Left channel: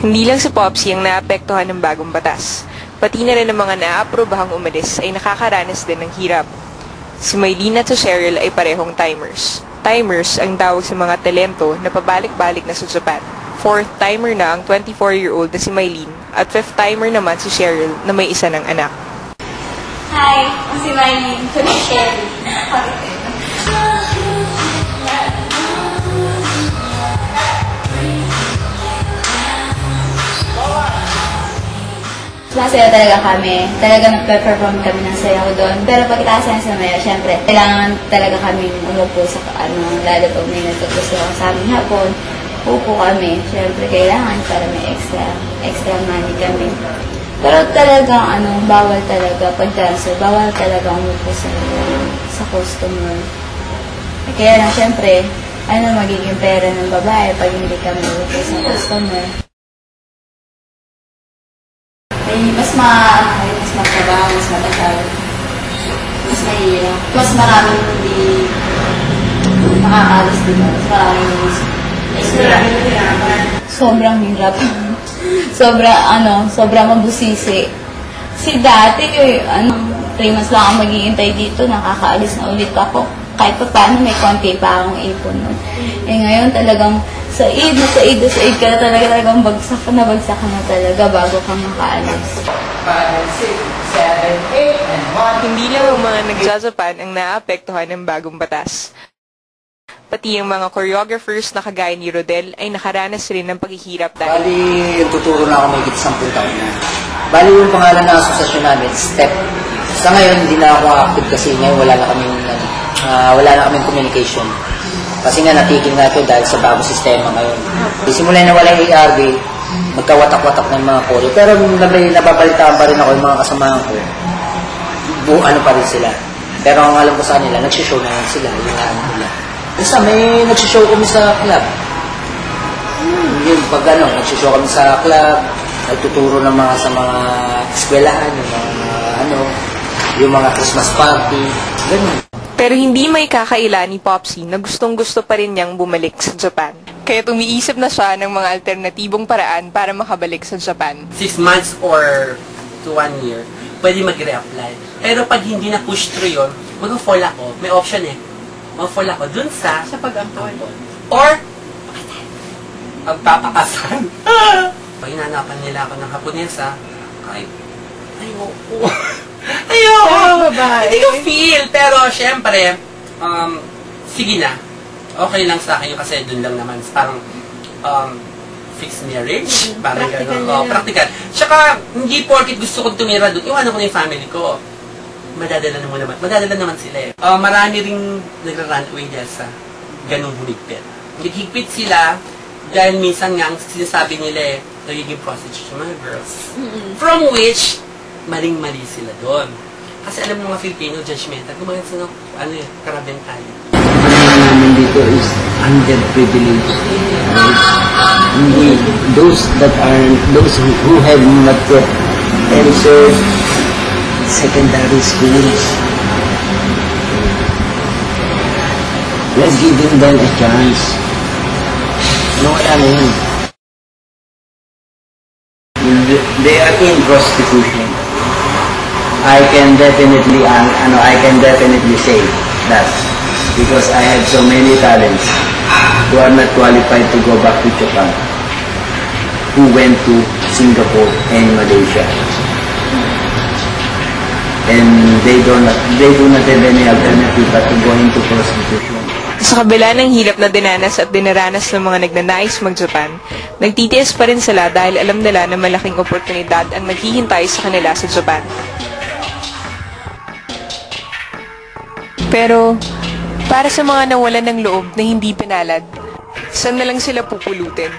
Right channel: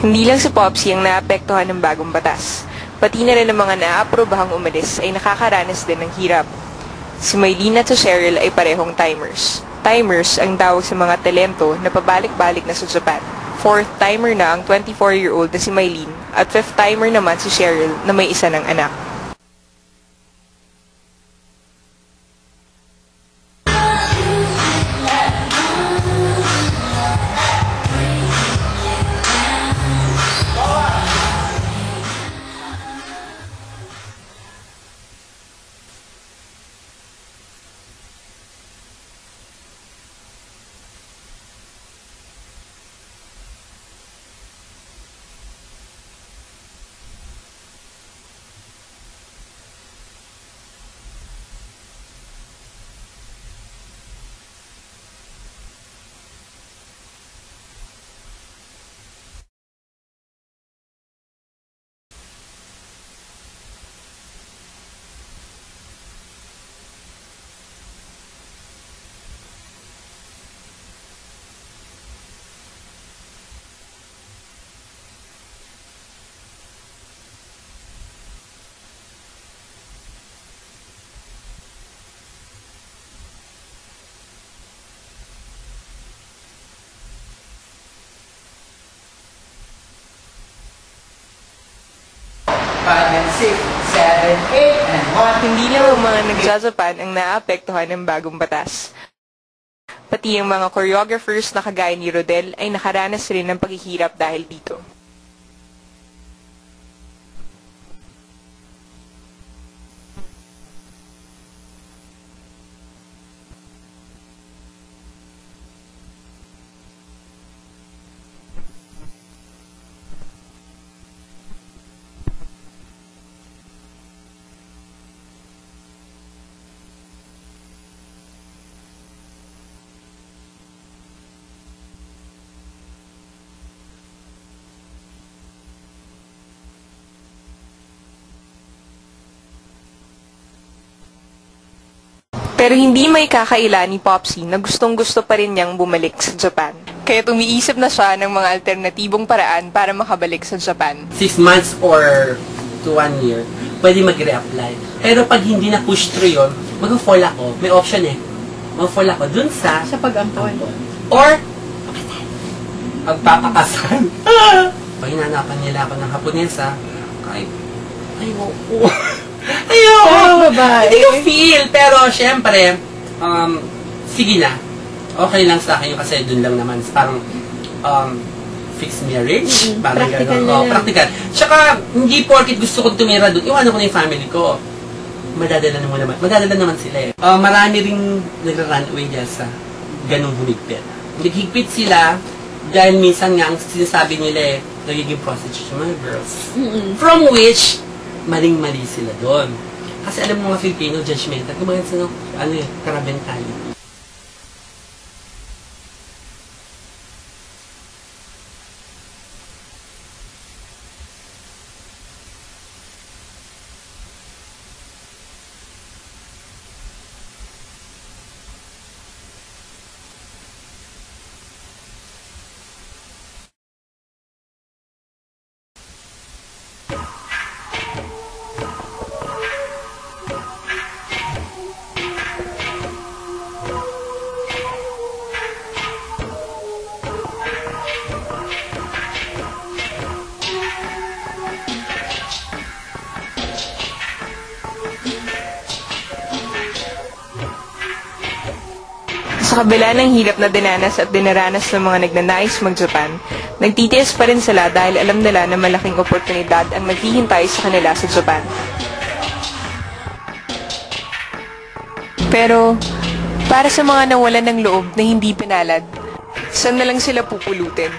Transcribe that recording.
Hindi lang si Popsy ang naapektuhan ng bagong batas. Pati na rin ang mga naaprobahang umalis ay nakakaranas din ng hirap. Si Mylene at si Cheryl ay parehong timers. Timers ang tawag sa mga talento na pabalik-balik na sa Japan. Fourth timer na ang 24-year-old na si Mylene at fifth timer naman si Cheryl na may isa ng anak. Hi, ako si Mylene. Ito si Cheryl. Masaya talaga kami. Talaga nag-perform kami ng sayaw doon. Pero pagkatapos ng sayaw, syempre, kailangan talaga kami umupo sa lalo pag may natutuso sa aming hapon. Upo kami. Syempre, kailangan para may extra money kami. Pero talagang, bawal talaga pag-dancer. Bawal talaga umupo sa customer. Kaya lang, syempre, magiging pera ng babae pag hindi kami umupo sa customer. Mas magtrabaho, mas matagal, mas mahirap. Mas maraming hindi makakalis din. Mas maraming sobrang hirap. Sobrang mabusisi. Si dati, 3 months lang ako maghihintay dito, nakakaalis na ulit ako. Kahit pa paano, may konti pa akong ipon nun. Ngayon talagang said ka na talagang bagsak ka na talaga bago ka makaalis. 5, 6, 7, 8, and 1. Hindi lang ang mga nagja-Japan ang naapektuhan ng bagong batas. Pati ang mga choreographers na kagaya ni Rodel ay nakaranas rin ng paghihirap dahil... Bali, tuturo na ako may 10 taon na. Bali, yung pangalan ng asosasyon namin, STEP. Sa ngayon, hindi na ako active kasi ngayon wala na kaming communication. Kasi nga natigil na ito dahil sa bagong sistema ngayon. Simula na wala yung ARB, magkawatak-watak ng mga choreo. Pero nababalitaan pa rin ako yung mga kasamahan ko. Pa rin sila. Pero ang alam ko sa kanila, nagsishow na sila. Nila. Isa, may nagsishow kami sa club. Yun, pag nagsishow kami sa club, nagtuturo ng sa mga eskwelahan, yung mga Christmas party, ganun. Pero hindi may kakaila ni Popsy na gustong-gusto pa rin niyang bumalik sa Japan. Kaya umiisip na siya ng mga alternatibong paraan para makabalik sa Japan. 6 months or to 1 year, pwede mag-reapply. Pero pag hindi na push through yun, mag-fall ako. May option mag-fall ako dun sa pag-ampon. Or, magpapakasal. Pag hinanapan nila ako ng Haponesa, kahit, ayoko. Hindi ko feel. Pero, syempre, sige na. Okay lang sa akin kasi dun lang naman. Parang, fixed marriage. Parang gano'n. Practical. Tsaka, hindi porkit gusto kong tumira dun. Iwanan ko na yung family ko. Madadala naman sila eh. Marami ring nagra-run away dyan sa ganung humigpit. Naghigpit sila dahil minsan nga ang sinasabi nila nagiging prostitute mga girls. From which, maling-mali sila doon. Kasi alam mo mga Filipino, judgmental. Kumain sa Carab mentality. Ang namin dito is underprivileged. Those who have not yet entered secondary schools. We're giving them a chance. Wala na yun. They are in prostitution. I can definitely say that because I have so many talents who are not qualified to go back to Japan, who went to Singapore and Malaysia, and they do not have any alternative but to go into prostitution. Sa kabila ng hirap na dinanas at dinaranas ng mga nagnanais mag-Japan, nagtitiis pa rin sila dahil alam nila na malaking oportunidad ang naghihintay sa kanila sa Japan. Pero, para sa mga nawalan ng loob na hindi pinalad, saan na lang sila pupulutin?